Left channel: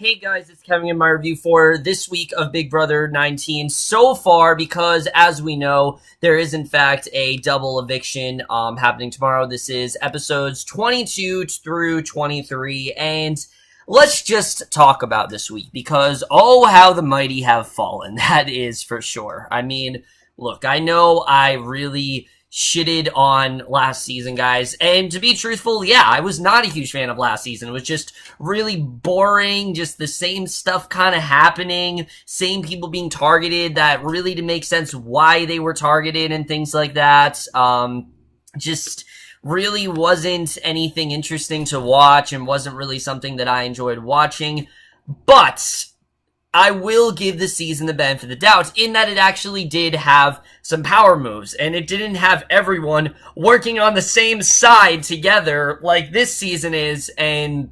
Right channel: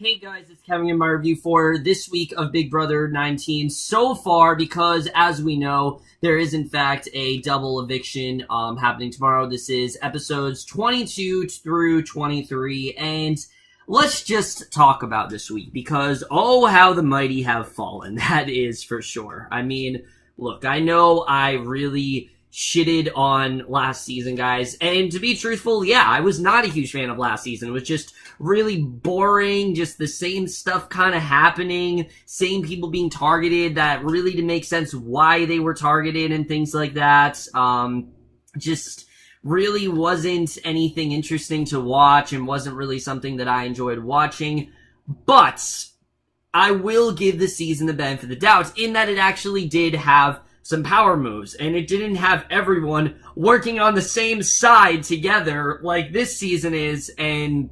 Hey guys, it's Kevin in my review for this week of Big Brother 19 so far, because as we know, there is in fact a double eviction happening tomorrow. This is episodes 22 through 23, and let's just talk about this week, because oh, how the mighty have fallen, that is for sure. I mean, look, I know I really shitted on last season, guys, and to be truthful, yeah, I was not a huge fan of last season. It was just really boring, just the same stuff kind of happening, same people being targeted that really didn't make sense why they were targeted and things like that. Just really wasn't anything interesting to watch and wasn't really something that I enjoyed watching. But I will give the season the benefit of the doubt in that it actually did have some power moves, and it didn't have everyone working on the same side together like this season is. And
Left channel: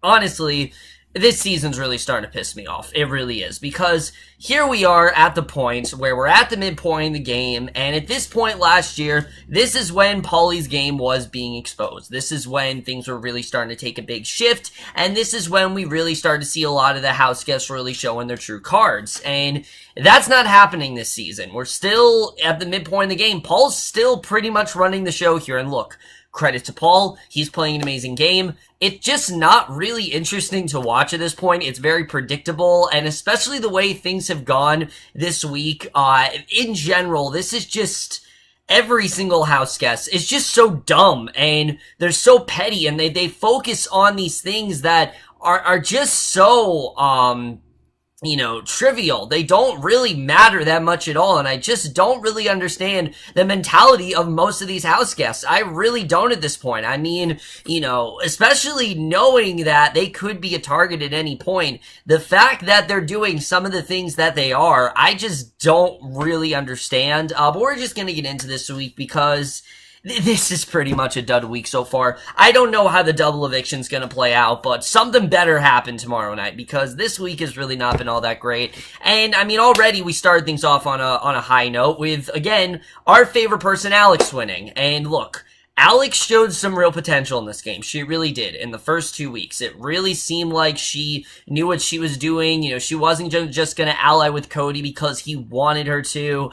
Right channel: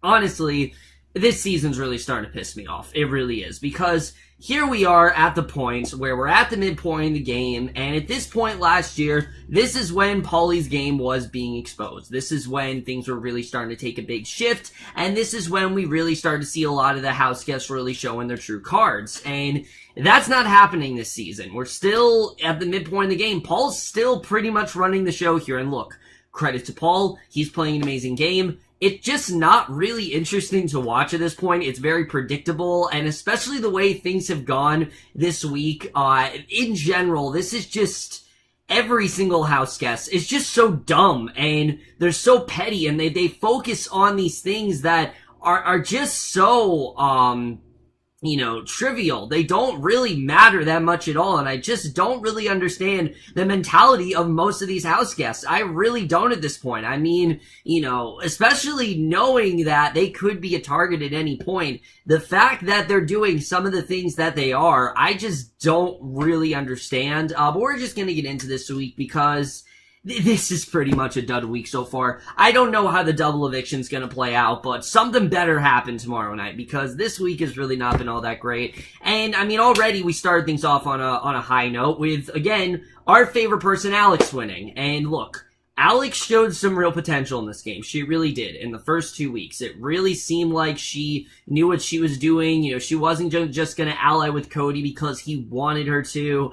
honestly, this season's really starting to piss me off. It really is, because here we are at the point where we're at the midpoint of the game, and at this point last year, this is when Paulie's game was being exposed. This is when things were really starting to take a big shift, and this is when we really started to see a lot of the house guests really showing their true cards, and that's not happening this season. We're still at the midpoint of the game. Paul's still pretty much running the show here, and look, credit to Paul, he's playing an amazing game. It's just not really interesting to watch at this point. It's very predictable, and especially the way things have gone this week, in general, this is just, every single house guest is just so dumb, and they're so petty, and they focus on these things that are just so, trivial. They don't really matter that much at all, and I just don't really understand the mentality of most of these house guests. I really don't at this point. I mean, especially knowing that they could be a target at any point, the fact that they're doing some of the things that they are, I just don't really understand. But we're just gonna get into this week because this is pretty much a dud week so far. I don't know how the double eviction's gonna play out, but something better happen tomorrow night, because this week has really not been all that great. And I mean, already we started things off on a high note with, again, our favorite person, Alex, winning. And look, Alex showed some real potential in this game. She really did. In the first 2 weeks, it really seemed like she knew what she was doing. She wasn't just gonna ally with Cody because he wanted her to.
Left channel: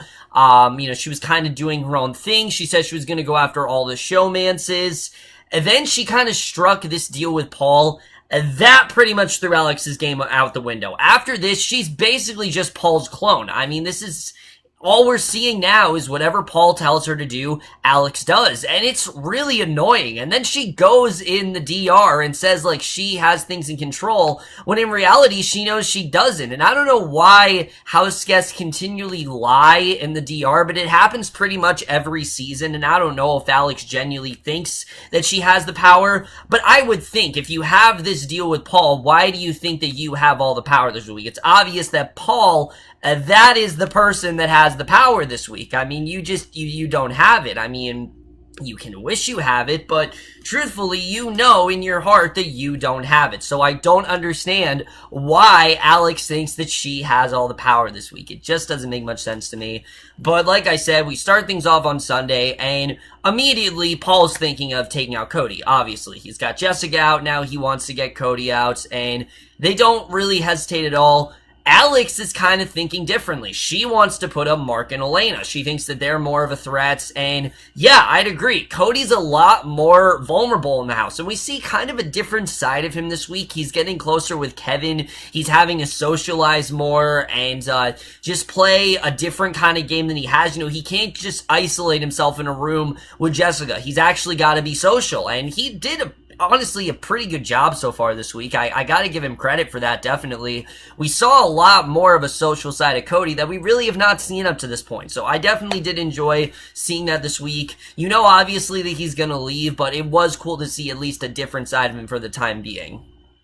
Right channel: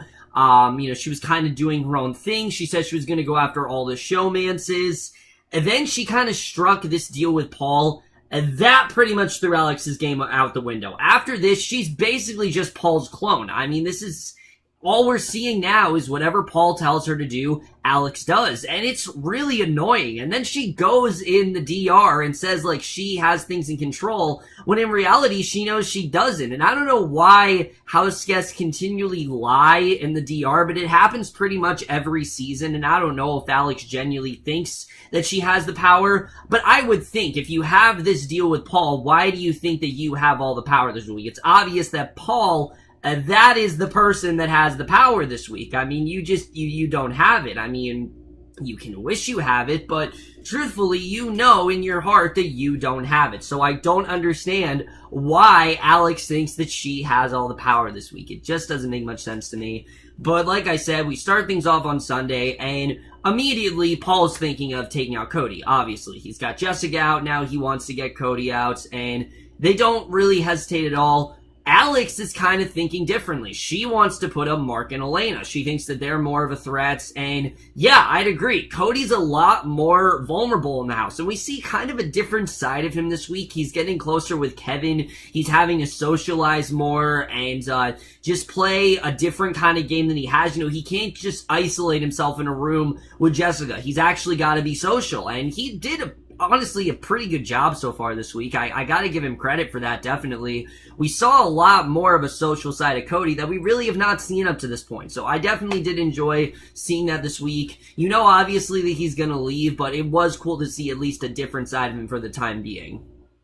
She was kind of doing her own thing. She said she was going to go after all the showmances. And then she kind of struck this deal with Paul. And that pretty much threw Alex's game out the window. After this, she's basically just Paul's clone. I mean, this is all we're seeing now is whatever Paul tells her to do, Alex does. And it's really annoying. And then she goes in the DR and says, like, she has things in control, when in reality, she knows she doesn't. And I don't know why house guests continually lie in the DR, but it happens pretty much every season. And I don't know if Alex genuinely thinks that she has the power, but I would think if you have this deal with Paul, why do you think that you have all the power this week? It's obvious that Paul, that is the person that has the power this week. I mean, you don't have it. I mean, you can wish you have it, but truthfully, you know in your heart that you don't have it. So I don't understand why Alex thinks that she has all the power this week. It just doesn't make much sense to me. But like I said, we start things off on Sunday, and immediately Paul's thinking of taking out Cody. Obviously, he's got Jessica out, now he wants to get Cody out, and they don't really hesitate at all. Alex is kind of thinking differently. She wants to put up Mark and Elena. She thinks that they're more of a threat, and yeah, I'd agree. Cody's a lot more vulnerable in the house, and we see kind of a different side of him this week. He's getting closer with Kevin. He's having to socialize more and just play a different kind of game than he has. He can't just isolate himself in a room with Jessica. He's actually got to be social, and he did honestly a pretty good job so far this week. I gotta give him credit for that, definitely. We saw a lot more of a social side of Cody that we really have not seen up to this point, so I definitely did enjoy seeing that this week. Obviously that he's gonna leave, but it was cool to see at least a different side of him for the time being.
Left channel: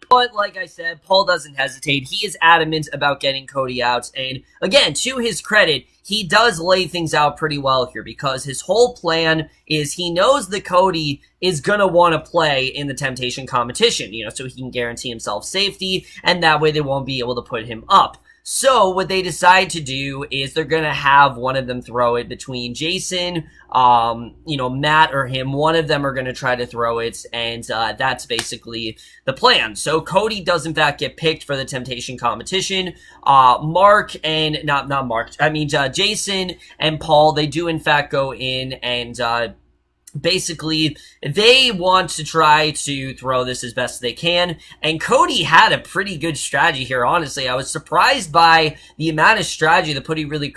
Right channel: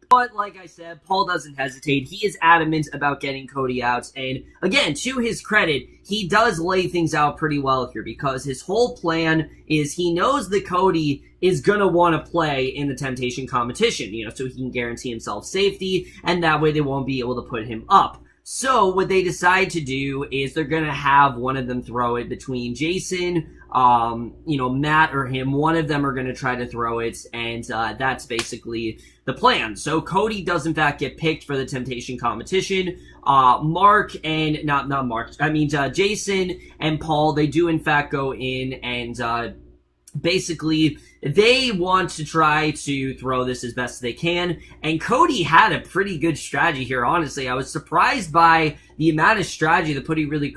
But like I said, Paul doesn't hesitate. He is adamant about getting Cody out. And again, to his credit, he does lay things out pretty well here, because his whole plan is he knows that Cody is going to want to play in the temptation competition, so he can guarantee himself safety, and that way they won't be able to put him up. So what they decide to do is they're going to have one of them throw it between Jason, Matt or him. One of them are going to try to throw it, and that's basically the plan. So Cody does in fact get picked for the temptation competition. Jason and Paul, they do in fact go in and basically, they want to try to throw this as best they can, and Cody had a pretty good strategy here, honestly. I was surprised by the amount of strategy that Cody really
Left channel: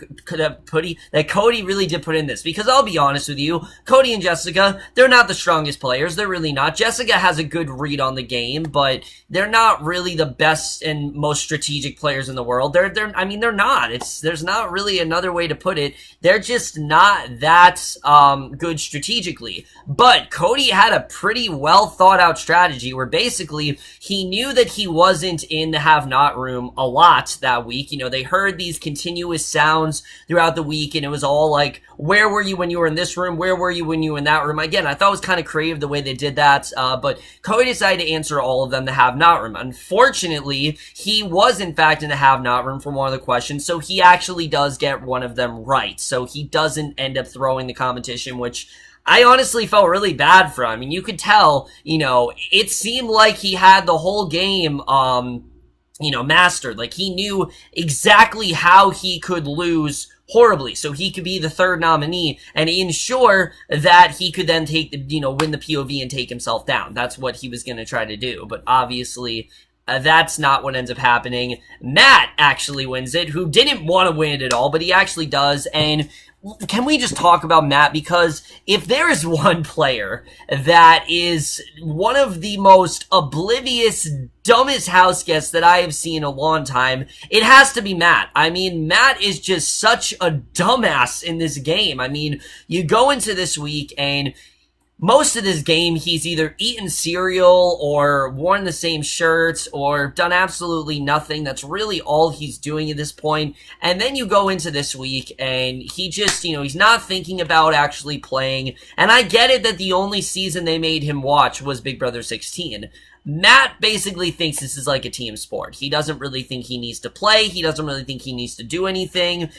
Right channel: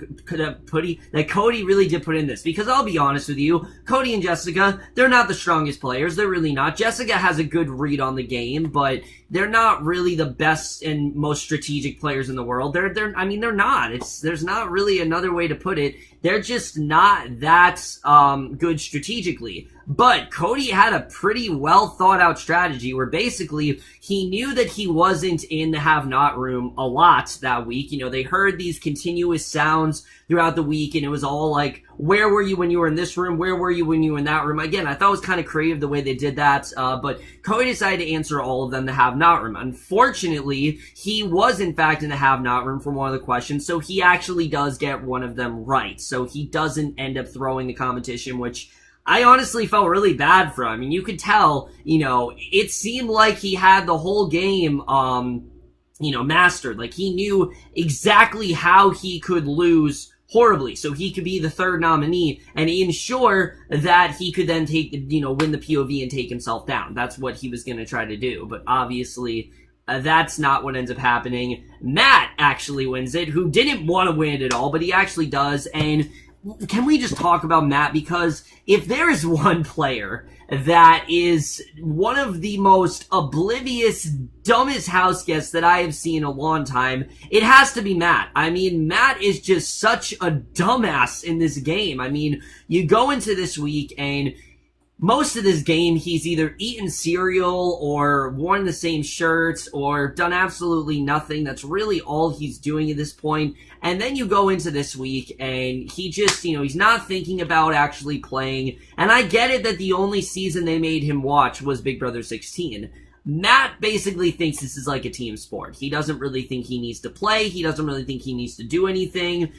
did put in this, because I'll be honest with you, Cody and Jessica, they're not the strongest players. They're really not. Jessica has a good read on the game, but they're not really the best and most strategic players in the world. They're not. There's not really another way to put it. They're just not that good strategically. But Cody had a pretty well thought out strategy where basically he knew that he wasn't in the have not room a lot that week. They heard these continuous sounds throughout the week, and it was all like, where were you when you were in this room? Where were you when you were in that room? Again, I thought it was kind of creative the way they did that, but Cody decided to answer all of them the have not room. Unfortunately, he was in fact in the have not room for one of the questions, so he actually does get one of them right. So he doesn't end up throwing the competition, which I honestly felt really bad for him. I mean, you could tell, it seemed like he had the whole game, mastered. Like, he knew exactly how he could lose horribly, so he could be the third nominee and ensure that he could then take win the POV and take himself down. That's what he was going to try to do, but obviously that's not what ends up happening. Matt actually wins it, who didn't want to win it at all, but he actually does. And can we just talk about Matt? Because if there is one player that is one of the most oblivious, dumbest house guests that I have seen in a long time, it has to be Matt. I mean, Matt is just such a dumbass in this game. I mean, you go into this week and most of this game, he's either eaten cereal or worn the same shirts or done absolutely nothing. That's really all he's doing at this point. And then you go into this week and he just, he's not thinking about actually playing. And I get it that the only season they made him watch was Big Brother 16. Matt basically thinks this is like a team sport. He doesn't really think he needs to play. He doesn't really think he needs to do anything.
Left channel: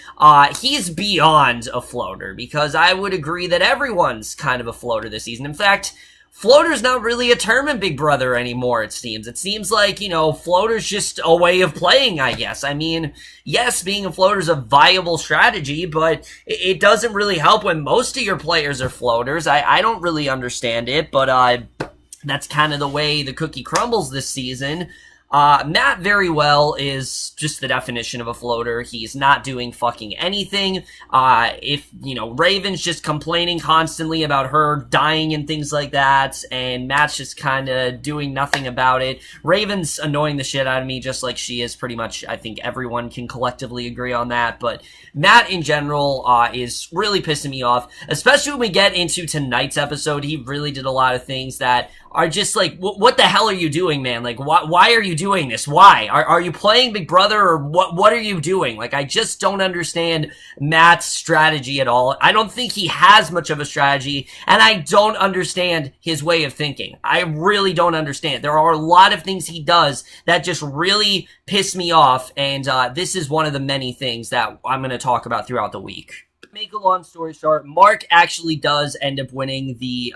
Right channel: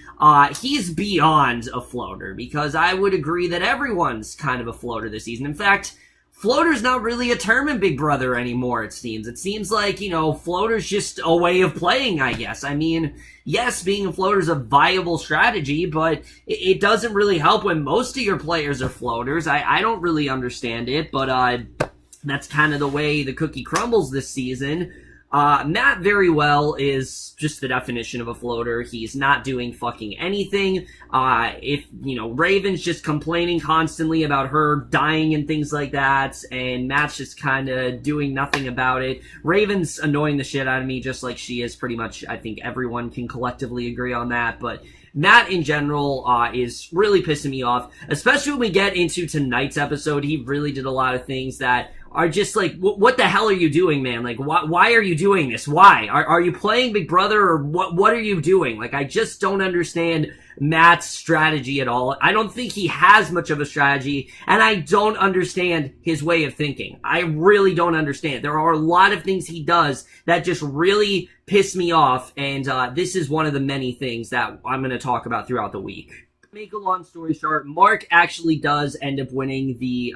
He's beyond a floater, because I would agree that everyone's kind of a floater this season. In fact, floater's not really a term in Big Brother anymore, it seems. It seems like, floater's just a way of playing, I guess. I mean, yes, being a floater is a viable strategy, but it doesn't really help when most of your players are floaters. I don't really understand it, but that's kind of the way the cookie crumbles this season. Matt very well is just the definition of a floater. He's not doing fucking anything. Raven's just complaining constantly about her dying and things like that, and Matt's just kind of doing nothing about it. Raven's annoying the shit out of me, just like she is pretty much. I think everyone can collectively agree on that, but Matt in general is really pissing me off, especially when we get into tonight's episode. He really did a lot of things that are just like, what the hell are you doing, man? Like, why are you doing this? Why? Are you playing Big Brother, or what are you doing? Like, I just don't understand Matt's strategy at all. I don't think he has much of a strategy, and I don't understand his way of thinking. I really don't understand. There are a lot of things he does that just really piss me off, and this is one of the many things that I'm going to talk about throughout the week. Make a long story short, Mark actually does end up winning the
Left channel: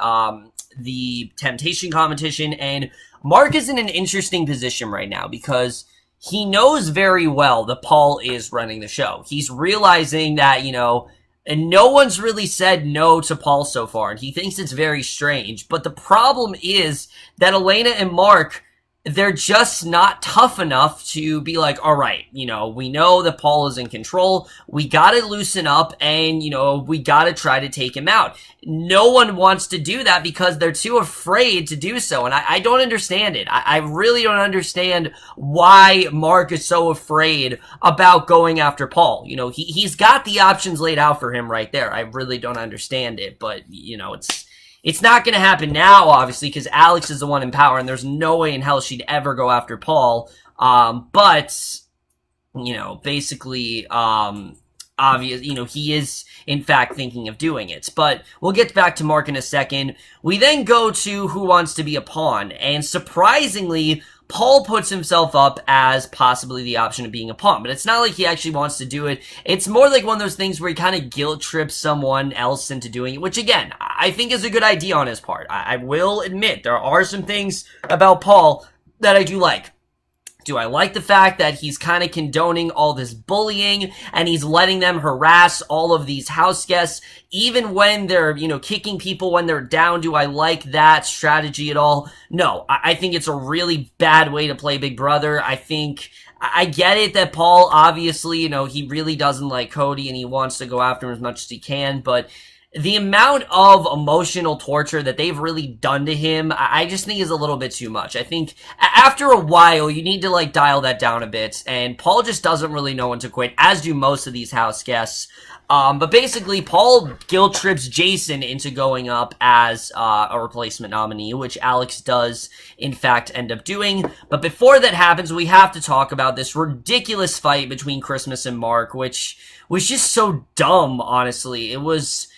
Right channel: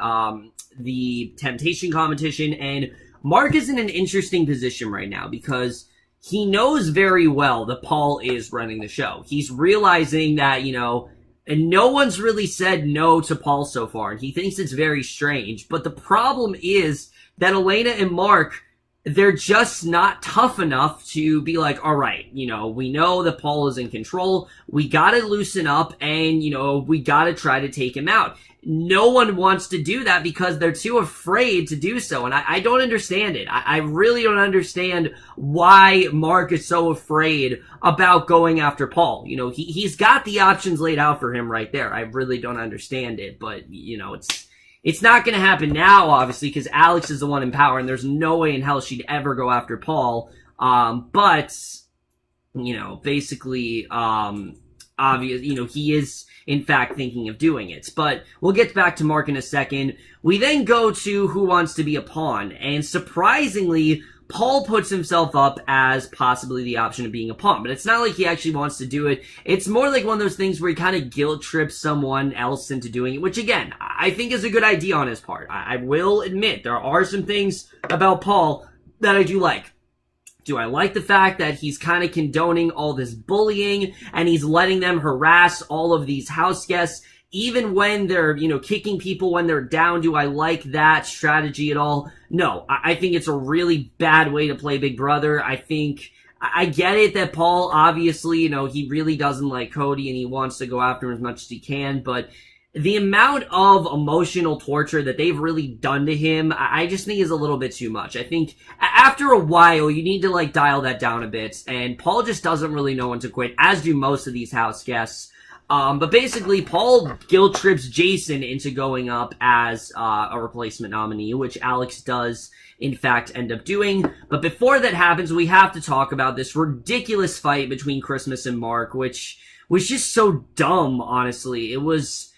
temptation competition, and Mark is in an interesting position right now because he knows very well that Paul is running the show. He's realizing that, and no one's really said no to Paul so far, and he thinks it's very strange. But the problem is that Elena and Mark, they're just not tough enough to be like, all right, we know that Paul is in control. We gotta loosen up and, we gotta try to take him out. No one wants to do that because they're too afraid to do so. And I don't understand it. I really don't understand why Mark is so afraid about going after Paul. He's got the options laid out for him right there. I really don't understand it, but, it's not going to happen now, obviously, because Alex is the one in power, and there's no way in hell she'd ever go after Paul. Basically, he is, in fact, thinking of doing it. But we'll get back to Mark in a second. We then go to Who Wants to Be a Pawn, and surprisingly, Paul puts himself up as possibly the option of being a pawn, but it's not like he actually wants to do it. It's more like one of those things where he kind of guilt trips someone else into doing it, which again, I think is a good idea on his part. I will admit, there are some things about Paul that I do like. Do I like the fact that he's kind of condoning all this bullying and he's letting them harass all of these house guests, even when they're, kicking people when they're down? Do I like that strategy at all? No, I think it's a really bad way to play Big Brother. I get it that Paul, obviously, he really doesn't like Cody and he wants to go after him as much as he can, but the amount of emotional torture that they've really done to him, I just think is a little bit too much. I think after a while, you need to, dial that down a bit, and Paul just doesn't really know when to quit, as do most of these house guests. But basically, Paul guilt trips Jason into going up as a replacement nominee, which Alex does, in fact, end up doing. But before that happens, we have to talk about this ridiculous fight between Christmas and Mark, which was just so dumb, honestly. It was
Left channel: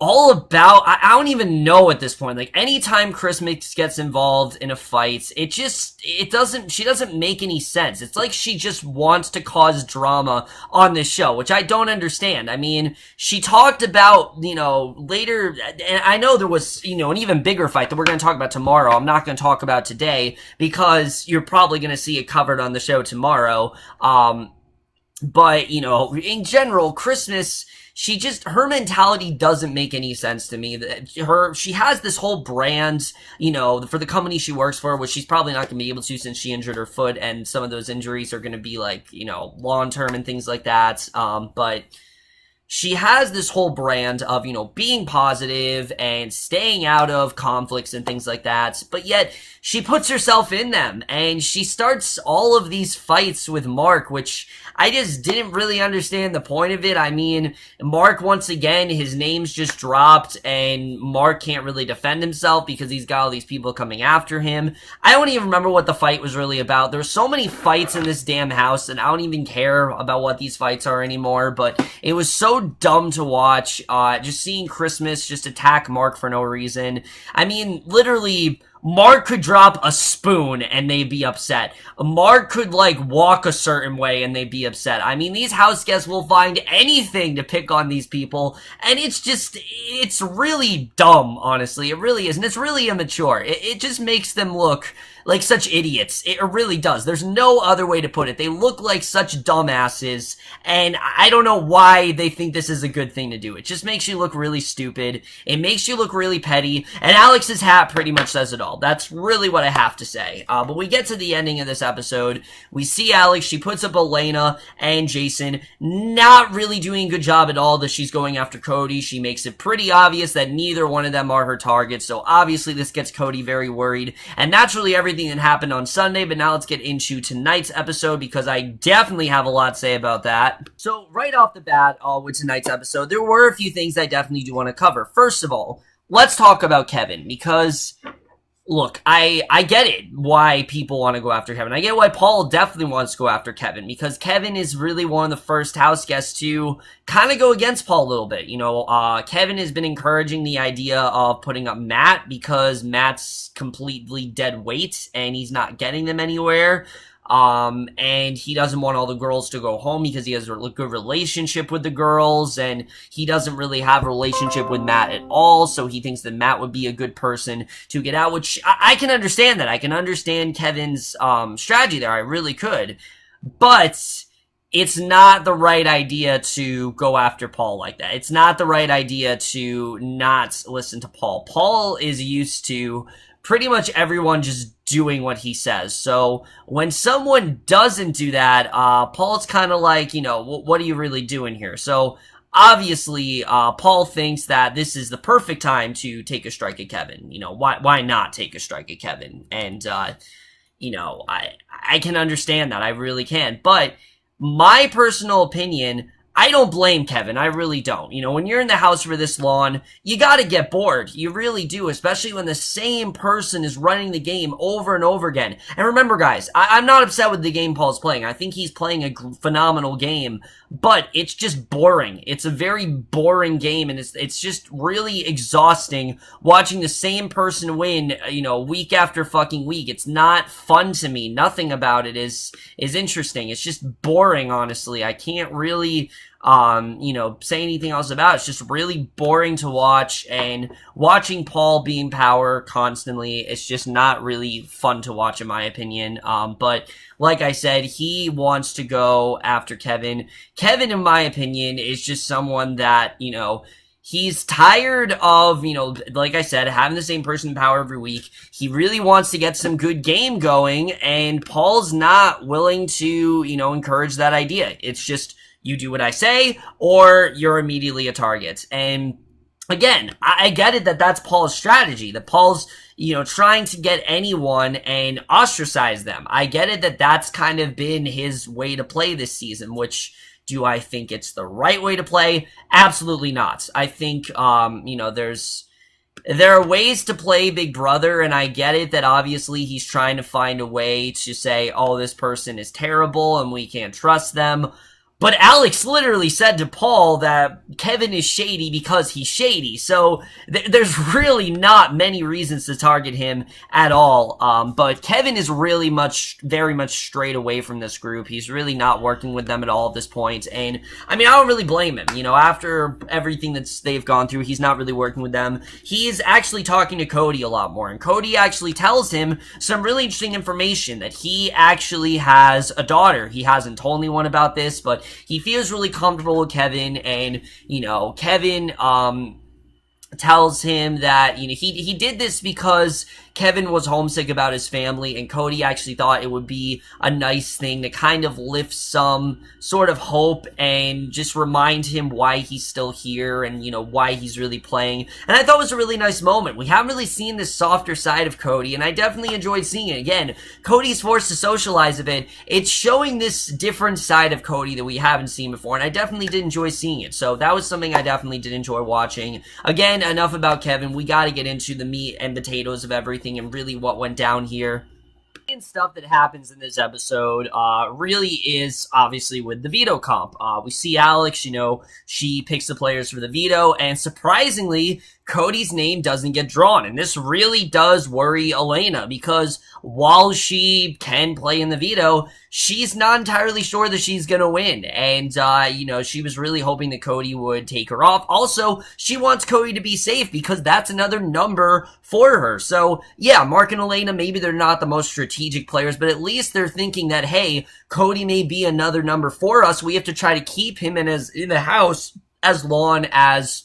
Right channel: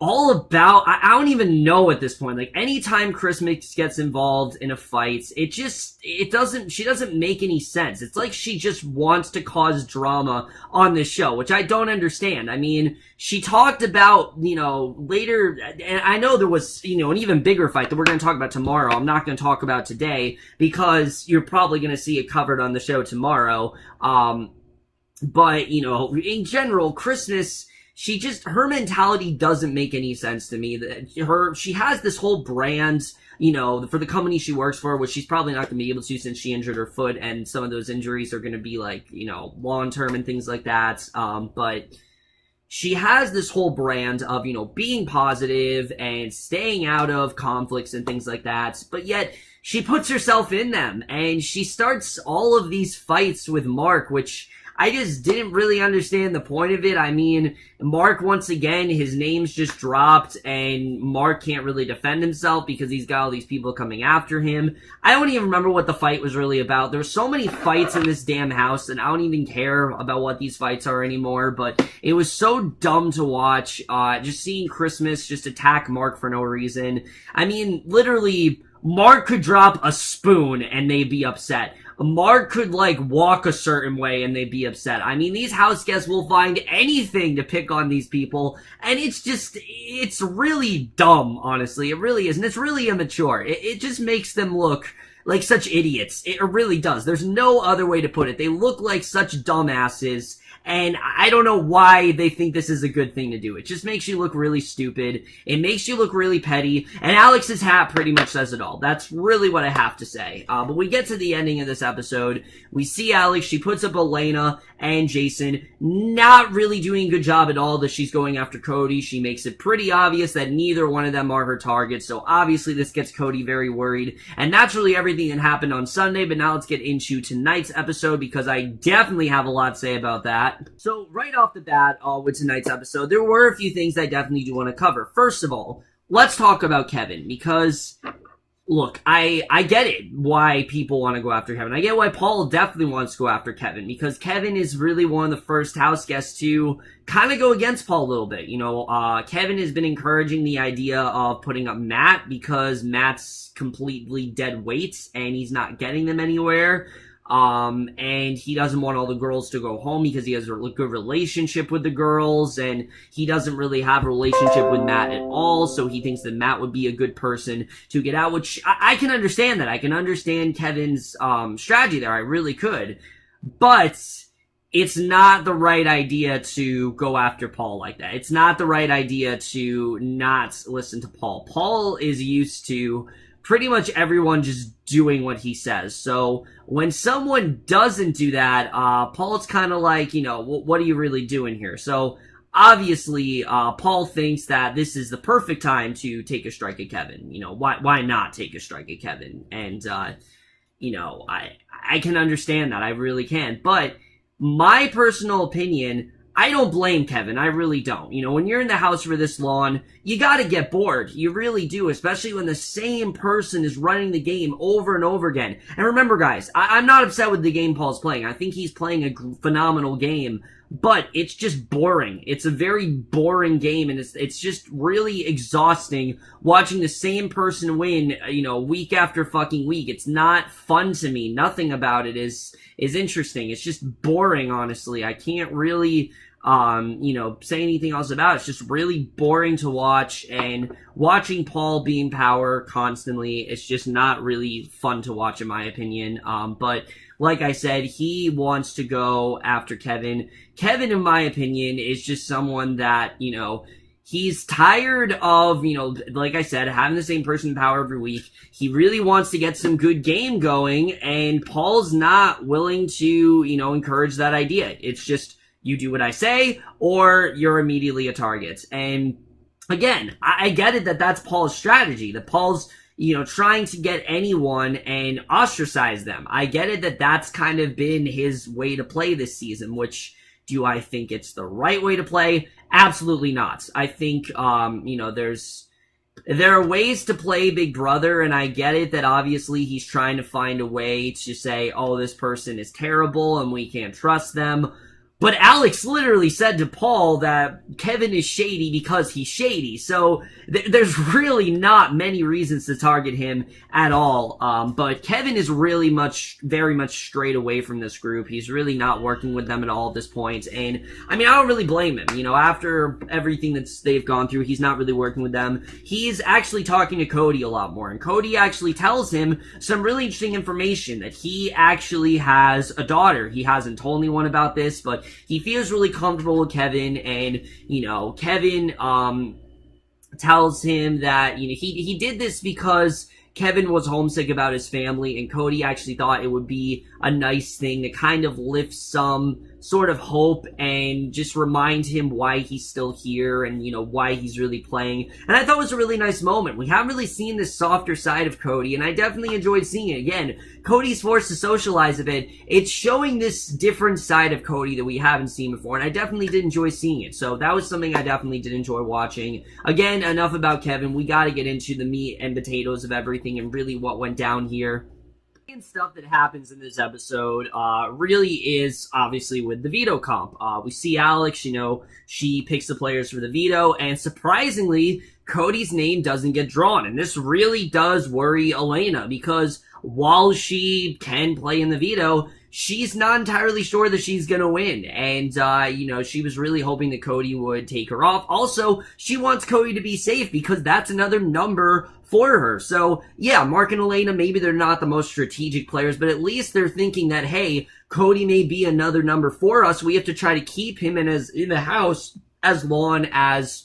all about, I don't even know at this point, anytime Christmas gets involved in a fight, she doesn't make any sense. It's like she just wants to cause drama on this show, which I don't understand. I mean, she talked about, later, and I know there was, an even bigger fight that we're going to talk about tomorrow. I'm not going to talk about today because you're probably going to see it covered on the show tomorrow. But, in general, Christmas, her mentality doesn't make any sense to me. She has this whole brand, for the company she works for, which she's probably not going to be able to since she injured her foot, and some of those injuries are going to be long-term and things like that. But she has this whole brand of, being positive and staying out of conflicts and things like that, but yet she puts herself in them, and she starts all of these fights with Mark, which I just didn't really understand the point of it. I mean, Mark, once again, his name's just dropped, and Mark can't really defend himself because he's got all these people coming after him. I don't even remember what the fight was really about. There's so many fights in this damn house, and I don't even care about what these fights are anymore, but it was so dumb to watch, just seeing Christmas just attack Mark for no reason. I mean, literally, Mark could drop a spoon and they'd be upset. Mark could, walk a certain way and they'd be upset. I mean, these house guests will find anything to pick on these people, and it's really dumb, honestly. It really is, and it's really immature. It just makes them look like such idiots. It really does. There's no other way to put it. They look like such dumbasses, and I don't know why they think this is a good thing to do. It just makes you look really stupid. It makes you look really petty, and Alex's hat pretty much says it all. That's really what I have to say. But we get to the ending of this episode. We see Alex. She puts up Elena and Jason, not really doing a good job at all that she's going after Cody. She makes it pretty obvious that neither one of them are her targets, so obviously this gets Cody very worried, and that's really everything that happened on Sunday. But now let's get into tonight's episode, because I definitely have a lot to say about that. So right off the bat, with tonight's episode, there were a few things I definitely do want to cover. First of all, let's talk about Kevin, because look, I get it why people want to go after Kevin. I get why Paul definitely wants to go after Kevin, because Kevin is really one of the first house guests to kind of go against Paul a little bit. Kevin has been encouraging the idea of putting up Matt, because Matt's completely dead weight and he's not getting them anywhere. And he doesn't want all the girls to go home because he has a good relationship with the girls, and he doesn't really have a relationship with Matt at all, so he thinks that Matt would be a good person to get out, which I can understand that. I can understand Kevin's strategy there. I really could. But it's not the right idea to go after Paul like that. It's not the right idea to not listen to Paul. Paul is used to pretty much everyone just doing what he says. So when someone doesn't do that, Paul's kind of like, what are you really doing here? So obviously, Paul thinks that this is the perfect time to take a strike at Kevin. Why not take a strike at Kevin? And, I can understand that. I really can. But my personal opinion, I don't blame Kevin. I really don't. When you're in the house for this long, you gotta get bored. You really do, especially when the same person is running the game over and over again. And remember, guys, I'm not upset with the game Paul's playing. I think he's playing a phenomenal game. but it's just boring. It's a very boring game, and it's just really exhausting watching the same person win, week after fucking week. It's not fun to me. Nothing about it is interesting. It's just boring, honestly. I can't really say anything else about it. It's just really boring to watch, and watching Paul be in power constantly, it's just not really fun to watch, in my opinion. But like I said, he wants to go after Kevin. Kevin, in my opinion, is just someone that, he's tired of, like I said, having the same person in power every week. He really wants to get some good game going, and Paul's not willing to, encourage that idea. It's just, you do what I say, or you're immediately a target. And again, I get it that that's Paul's strategy, that Paul's, trying to get anyone and ostracize them. I get it that that's kind of been his way to play this season, which, do I think it's the right way to play? Absolutely not. I think, there are ways to play Big Brother, and I get it that obviously he's trying to find a way to say, oh, this person is terrible and we can't trust them. But Alex literally said to Paul that Kevin is shady because he's shady. So there's really not many reasons to target him at all. But Kevin is really very much strayed away from this group. He's really not working with them at all at this point. And I don't really blame him. After everything that they've gone through, he's not really working with them. He's actually talking to Cody a lot more. And Cody actually tells him some really interesting information, that he actually has a daughter. He hasn't told anyone about this, but he feels really comfortable with Kevin, and, Kevin, tells him that, he did this because Kevin was homesick about his family, and Cody actually thought it would be a nice thing to kind of lift some sort of hope and just remind him why he's still here and, why he's really playing. And I thought it was a really nice moment. We haven't really seen this softer side of Cody, and I definitely enjoyed seeing it. Again, Cody's forced to socialize a bit. It's showing this different side of Cody that we haven't seen before, and I definitely did enjoy seeing it. So that was something I definitely did enjoy watching. Again, enough about Kevin. We got to get into the meat and potatoes of everything and really what went down here. And stuff that happens in this episode really is obviously with the veto comp. We see Alex, she picks the players for the veto, and surprisingly, Cody's name doesn't get drawn. And this really does worry Elena, because while she can play in the veto, she's not entirely sure that she's gonna win. And, she was really hoping that Cody would take her off. Also, she wants Cody to be safe because that's another number for her. So, yeah, Mark and Elena, maybe they're not the most strategic players, but at least they're thinking that, hey, Cody may be another number for us. We have to try to keep him in the house as long as,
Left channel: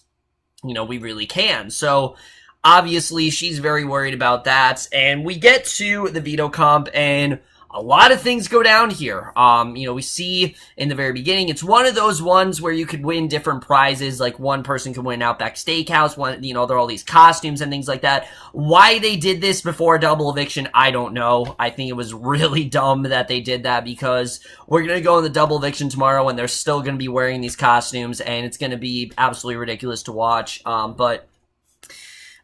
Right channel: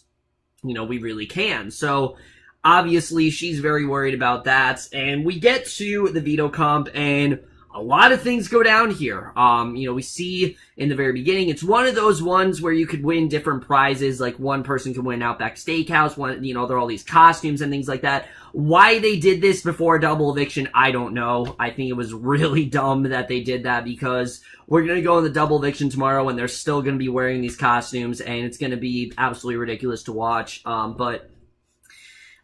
we really can. So, obviously, she's very worried about that. And we get to the veto comp, and a lot of things go down here. We see in the very beginning, it's one of those ones where you could win different prizes. Like, one person could win Outback Steakhouse, there are all these costumes and things like that. Why they did this before a double eviction, I don't know. I think it was really dumb that they did that, because we're going to go in the double eviction tomorrow and they're still going to be wearing these costumes, and it's going to be absolutely ridiculous to watch.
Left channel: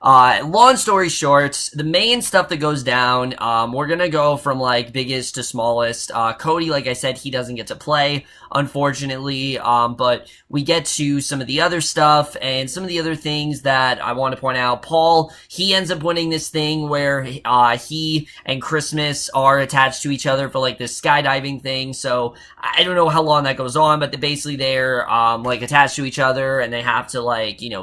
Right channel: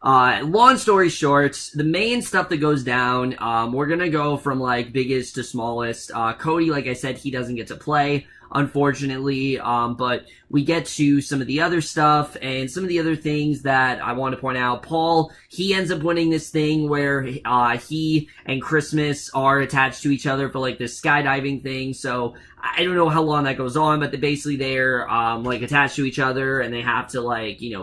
Long story short, the main stuff that goes down, we're gonna go from, biggest to smallest. Cody, like I said, he doesn't get to play, unfortunately, but we get to some of the other stuff, and some of the other things that I want to point out. Paul, he ends up winning this thing where, he and Christmas are attached to each other for, this skydiving thing, so I don't know how long that goes on, but they're attached to each other, and they have to,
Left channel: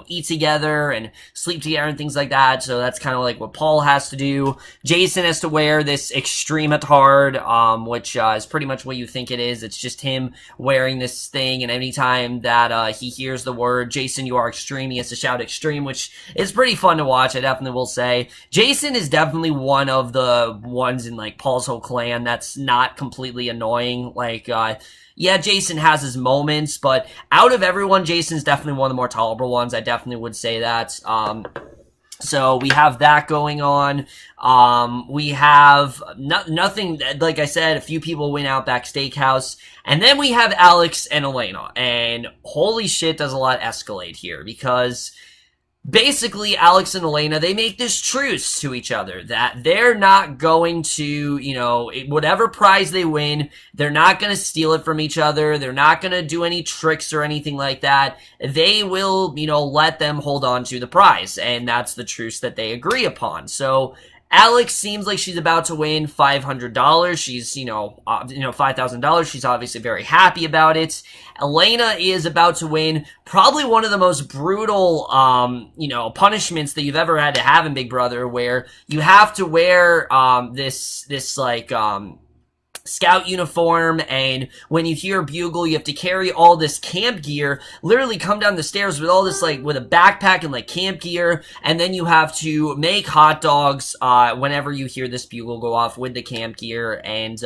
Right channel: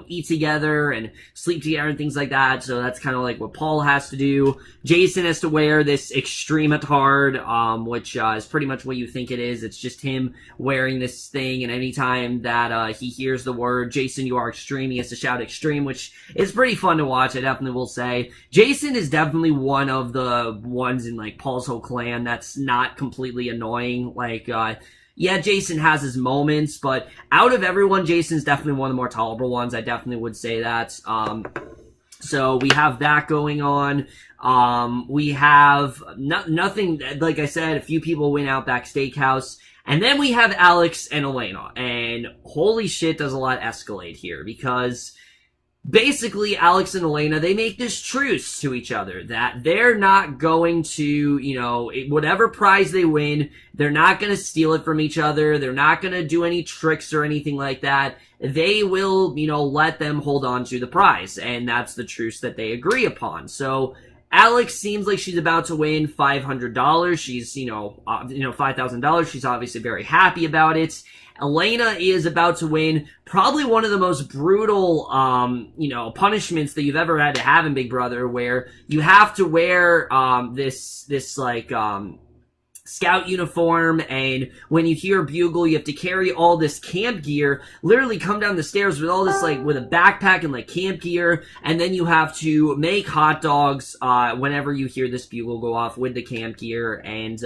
eat together and sleep together and things like that, so that's kind of, what Paul has to do. Jason has to wear this extreme hard, which, is pretty much what you think it is. It's just him wearing this thing, and anytime that he hears the word, Jason, you are extreme, he has to shout extreme, which is pretty fun to watch, I definitely will say. Jason is definitely one of the ones in, Paul's whole clan that's not completely annoying. Yeah, Jason has his moments, but out of everyone, Jason's definitely one of the more tolerable ones. I definitely would say that. So we have that going on. We have nothing, like I said, a few people win Outback Steakhouse. And then we have Alex and Elena. And holy shit, does a lot escalate here, because basically Alex and Elena, they make this truce to each other that they're not going to, whatever prize they win, they're not going to steal it from each other. They're not going to do any tricks or anything like that. They will, let them hold on to the prize. And that's the truce that they agree upon. So Alex seems like she's about to win $500. She's, $5,000. She's obviously very happy about it. Elena is about to win probably one of the most brutal, punishments that you've ever had to have in Big Brother, where you have to wear, this scout uniform, and when you hear a bugle, you have to carry all this camp gear, literally come down the stairs with all this, with a backpack and, camp gear, and then you have to make hot dogs, whenever you hear this bugle go off with the camp gear, and,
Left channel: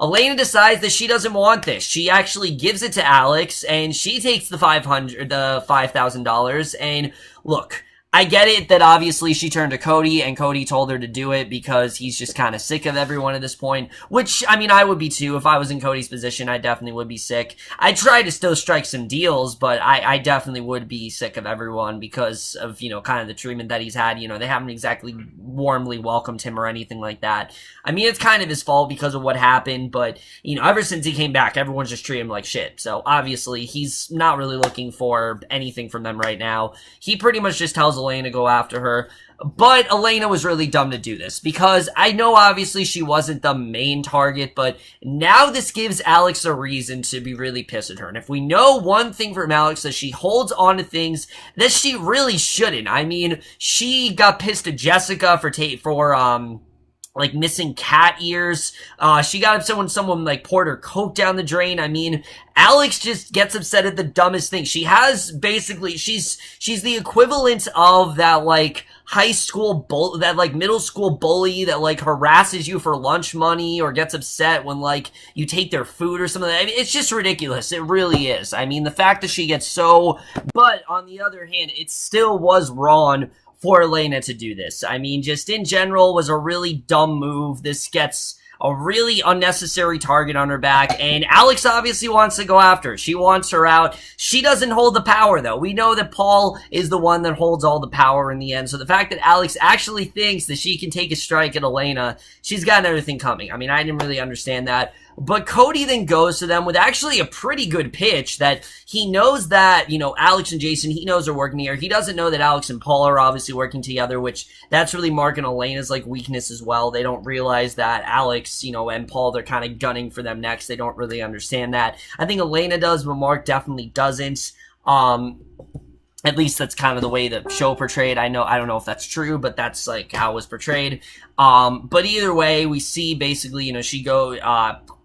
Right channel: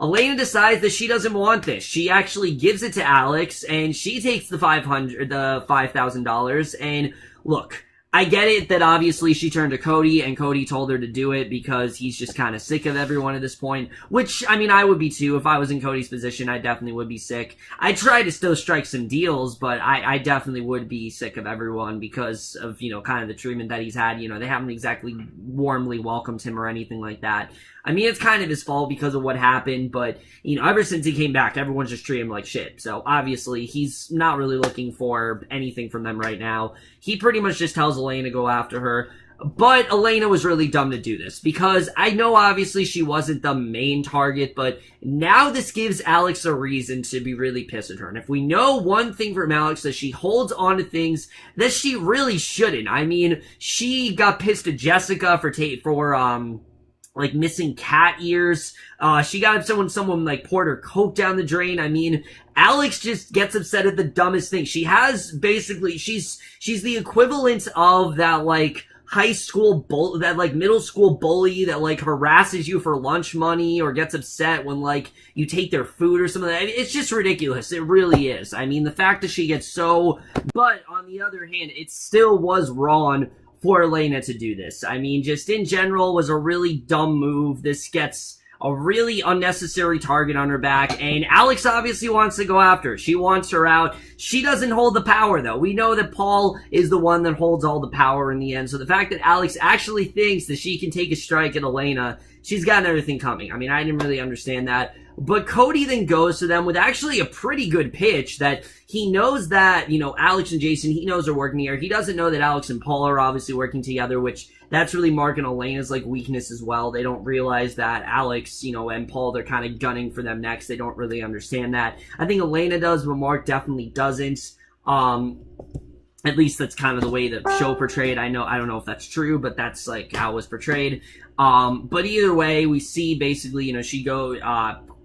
Elena decides that she doesn't want this. She actually gives it to Alex, and she takes the $5,000, and look, I get it that obviously she turned to Cody, and Cody told her to do it because he's just kind of sick of everyone at this point, which, I would be too. If I was in Cody's position, I definitely would be sick. I try to still strike some deals, but I definitely would be sick of everyone because of, kind of the treatment that he's had. They haven't exactly warmly welcomed him or anything like that. It's kind of his fault because of what happened, but, ever since he came back, everyone's just treating him like shit. So, obviously, he's not really looking for anything from them right now. He pretty much just tells Elena to go after her. But Elena was really dumb to do this, because I know obviously she wasn't the main target, but now this gives Alex a reason to be really pissed at her. And if we know one thing from Alex, that she holds on to things that she really shouldn't. She got pissed at Jessica for missing cat ears. She got upset when someone poured her coke down the drain. Alex just gets upset at the dumbest thing. She has basically, she's the equivalent of that high school middle school bully that harasses you for lunch money or gets upset when you take their food or something. It's just ridiculous. It really is. The fact that she gets so, but on the other hand, it still was wrong for Elena to do this. Just in general, was a really dumb move. This gets a really unnecessary target on her back, and Alex obviously wants to go after her. She wants her out. She doesn't hold the power, though. We know that Paul is the one that holds all the power in the end, so the fact that Alex actually thinks that she can take a strike at Elena, she's got everything coming. I didn't really understand that. But Cody then goes to them with actually a pretty good pitch that he knows that, Alex and Jason, he knows are working here. He doesn't know that Alex and Paul are obviously working together, which that's really Mark and Elena's weakness as well. They don't realize that Alex, and Paul, they're kind of gunning for them next. They don't really understand that. I think Elena does, but Mark definitely doesn't. At least that's kind of the way the show portrayed. I don't know if that's true, but that's how it was portrayed. But either way, we see basically,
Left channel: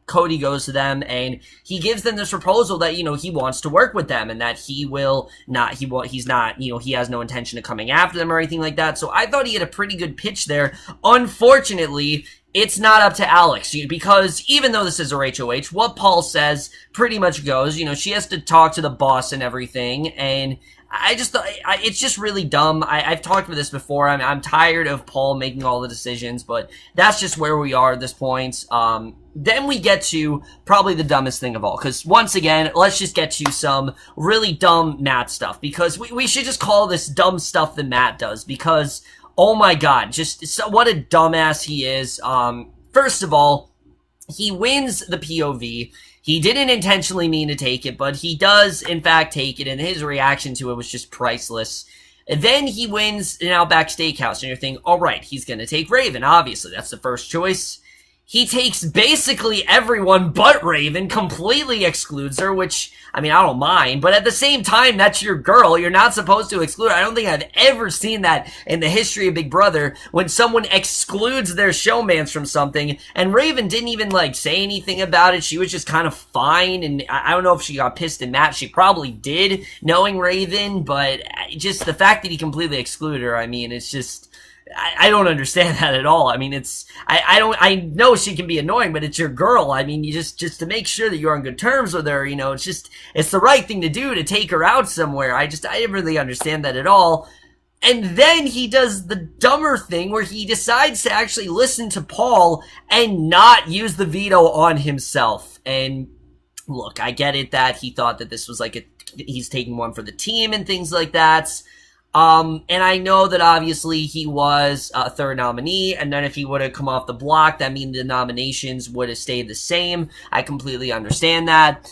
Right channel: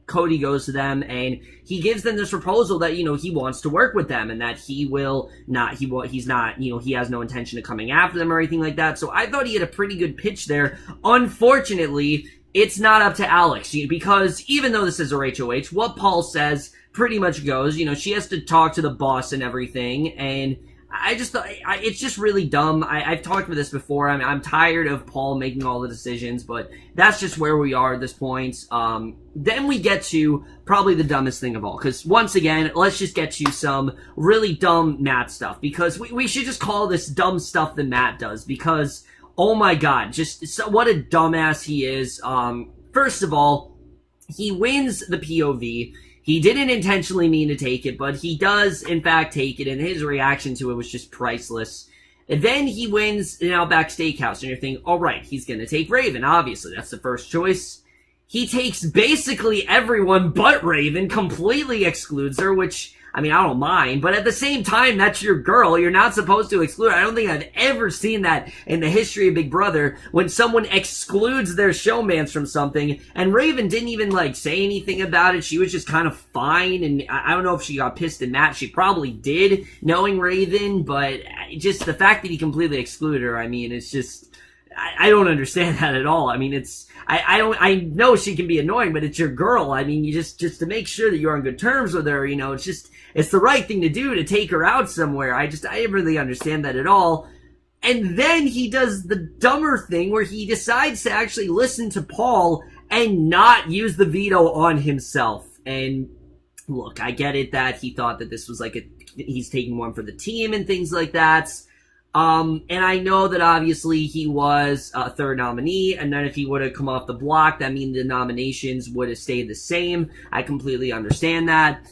Cody goes to them and he gives them this proposal that, he wants to work with them and that he has no intention of coming after them or anything like that. So I thought he had a pretty good pitch there. Unfortunately, it's not up to Alex, because even though this is a HOH, what Paul says pretty much goes. She has to talk to the boss and everything, and I just thought it's just really dumb. I've talked about this before. I'm tired of Paul making all the decisions, but that's just where we are at this point. Then we get to probably the dumbest thing of all, because once again, let's just get to some really dumb Matt stuff, because we should just call this dumb stuff that Matt does, because oh my god, what a dumbass he is. First of all, he wins the POV. He didn't intentionally mean to take it, but he does, in fact, take it, and his reaction to it was just priceless. And then he wins an Outback Steakhouse, and you're thinking, all right, he's going to take Raven. Obviously, that's the first choice. He takes basically everyone but Raven, completely excludes her, which, I don't mind, but at the same time, that's your girl. You're not supposed to exclude her. I don't think I've ever seen that in the history of Big Brother, when someone excludes their showmans from something, and Raven didn't even, say anything about it. She was just kind of fine, and I don't know if she got pissed at Matt. She probably did, knowing Raven, but just the fact that he completely excluded her, it's just, I don't understand that at all. I know she can be annoying, but it's your girl. You just to make sure that you're on good terms with her, it's the right thing to do to take her out somewhere. I didn't really understand that at all. And then he does the dumber thing where he decides to actually listen to Paul and not use the veto on himself. And look, I get it that he thought that this was he's taking one for the team and things like that. And I know that obviously he was a third nominee, and then if he would have come off the block, that means the nominations would have stayed the same. I completely understand that.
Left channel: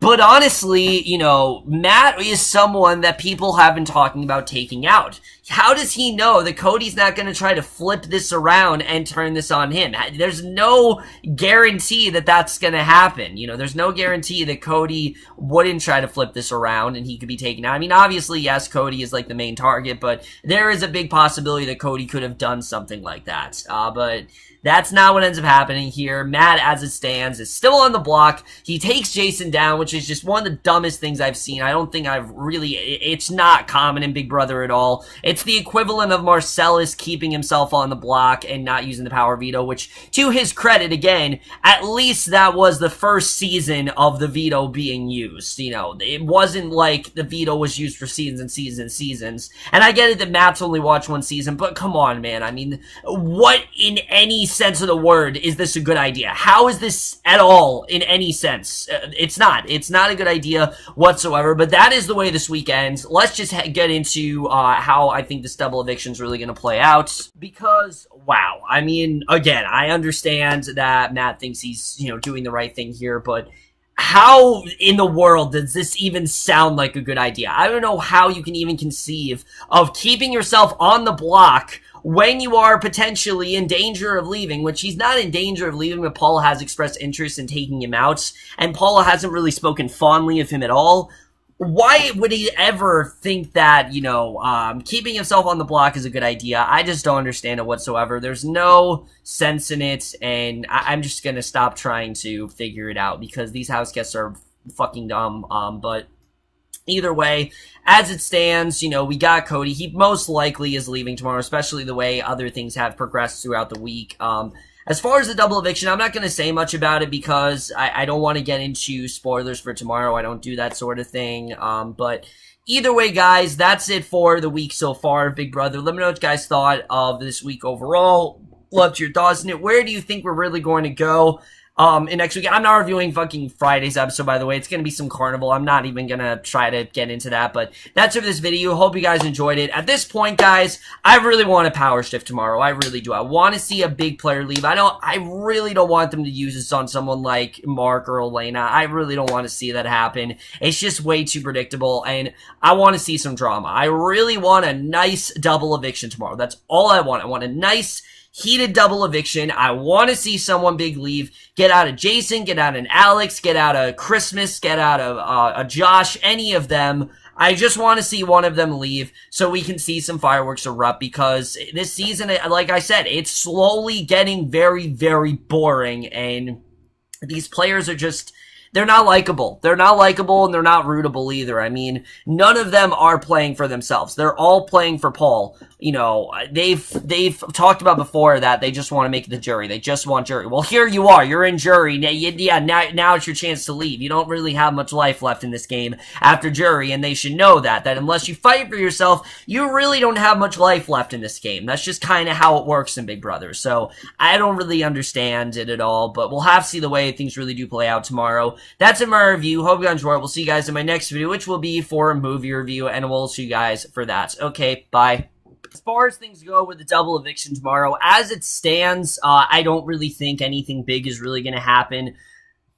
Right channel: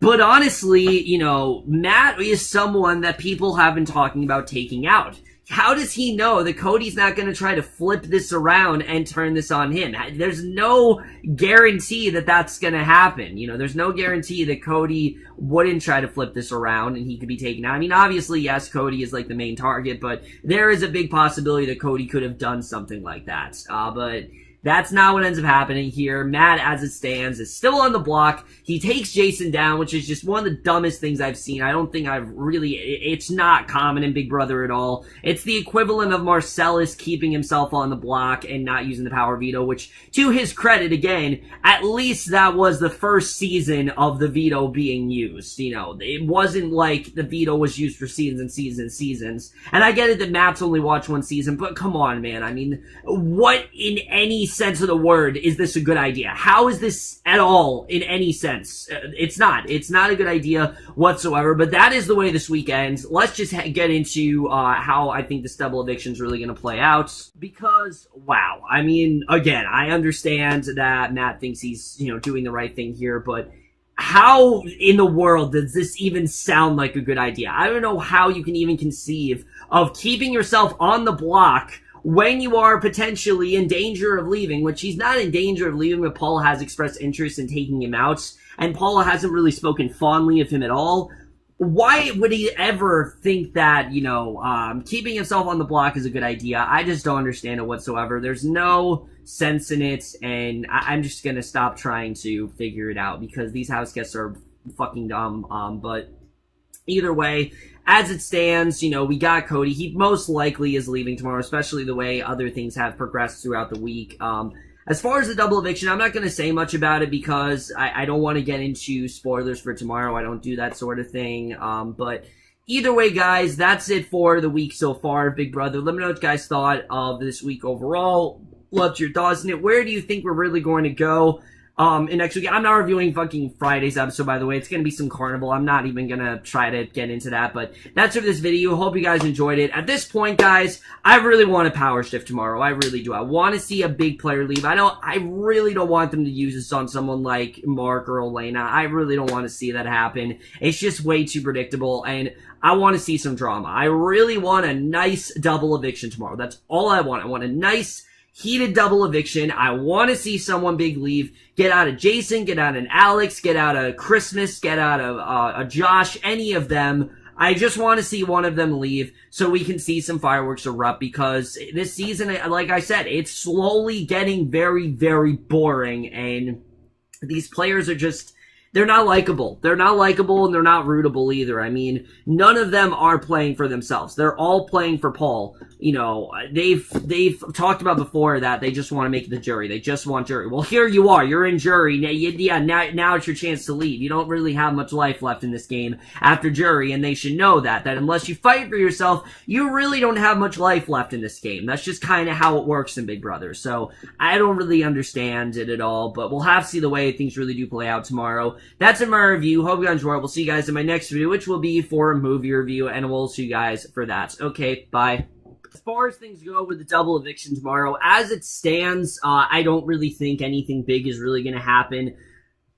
But honestly, you know, Matt is someone that people have been talking about taking out. How does he know that Cody's not going to try to flip this around and turn this on him? There's no guarantee that that's going to happen. You know, there's no guarantee that Cody wouldn't try to flip this around and he could be taken out. I mean, obviously, yes, Cody is like the main target, but there is a big possibility that Cody could have done something like that. But that's not what ends up happening here. Matt, as it stands, is still on the block. He takes Jason down, which is just one of the dumbest things I've seen. I don't think it's not common in Big Brother at all. It's the equivalent of Marcellus keeping himself on the block and not using the power veto, which, to his credit, again, at least that was the first season of the veto being used. You know, it wasn't like the veto was used for seasons and seasons and seasons. And I get it that Matt's only watched one season, but come on, man. I mean, what in any sense of the word is this a good idea? How is this at all in any sense? It's not a good idea whatsoever, but that is the way this week ends. Let's just get into how I think this double eviction is really going to play out, because wow, I mean, again, I understand that Matt thinks he's, you know, doing the right thing here, but how in the world does this even sound like a good idea? I don't know how you can even conceive of keeping yourself on the block when you are potentially in danger of leaving, which he's not in danger of leaving, but Paula has expressed interest in taking him out, and Paula hasn't really spoken fondly of him at all. Why would he ever think that, you know, keeping himself on the block is a good idea? I just don't understand it whatsoever. There's no sense in it, and I'm just gonna stop trying to figure it out, because these house guests are fucking dumb. But either way, as it stands, you know, we got Cody. He most likely is leaving tomorrow, especially the way other things have progressed throughout the week. As far as the double eviction, I'm not going to say much about it because I don't want to get into spoilers for tomorrow. I don't do that sort of thing. But either way, guys, that's it for the week so far, Big Brother. Let me know what you guys thought of this week overall. Loved your thoughts in it. Where do you think we're really going to go in next week? I'm not reviewing fucking Friday's episode, by the way. It's gonna be some carnival. I'm not even gonna try to get into that, but that's it for this video. Hope you guys enjoyed it. At this point, guys, I really want a power shift tomorrow. I really do. I want to see a big player leave. I really don't want them to use this on someone like Mark or Elena. I really don't want to see that happen. It's just way too predictable, and I want to see some drama. I really want a nice double eviction tomorrow. That's all I want. I want a nice heated double eviction. I want to see someone big leave. Get out of Jason, get out of Alex, get out of Christmas, get out of Josh, any of them. I just want to see one of them leave so we can see some fireworks erupt, because this season, like I said, it's slowly getting very, very boring, and these players are just, they're not likable. They're not likable, and they're not rootable either. I mean, none of them are playing for themselves. They're all playing for Paul. You know, they've talked about before that they just want to make the jury. They just want jury. Well, here you are. You're in jury. Yeah, now it's your chance to leave. You don't really have much life left in this game after jury, and they should know that unless you fight for yourself, you really don't have much life left in this game. That's just kind of how it works in Big Brother. So I don't really understand it at all, but we'll have to see the way things really do play out tomorrow. That's in my review. Hope you guys enjoy it. We'll see you guys in my next video, which will be for a movie review, and we'll see you guys for that. Okay, bye. As far as things go with the double eviction tomorrow, as it stands, I don't really think anything big is really going to happen.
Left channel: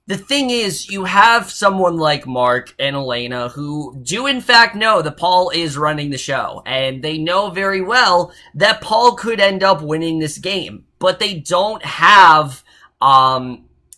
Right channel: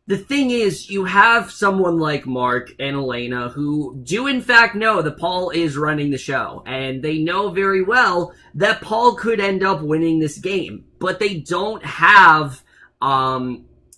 The thing is, you have someone like Mark and Elena who do in fact know that Paul is running the show, and they know very well that Paul could end up winning this game, but they don't have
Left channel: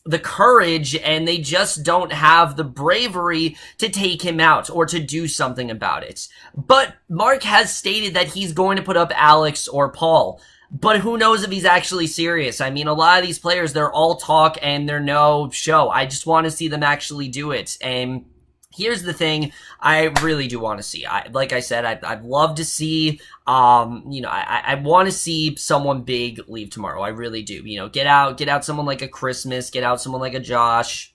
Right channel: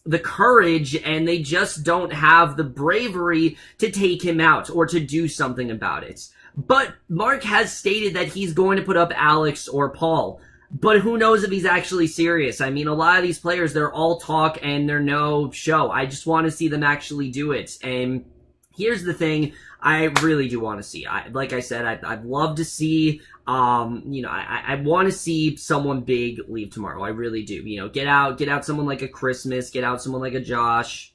the courage, and they just don't have the bravery to take him out or to do something about it. But Mark has stated that he's going to put up Alex or Paul. But who knows if he's actually serious? I mean, a lot of these players, they're all talk and they're no show. I just want to see them actually do it. And here's the thing I really do want to see. Like I said, I'd love to see, I want to see someone big leave tomorrow. I really do. You know, get out someone like a Christmas, get out someone like a Josh.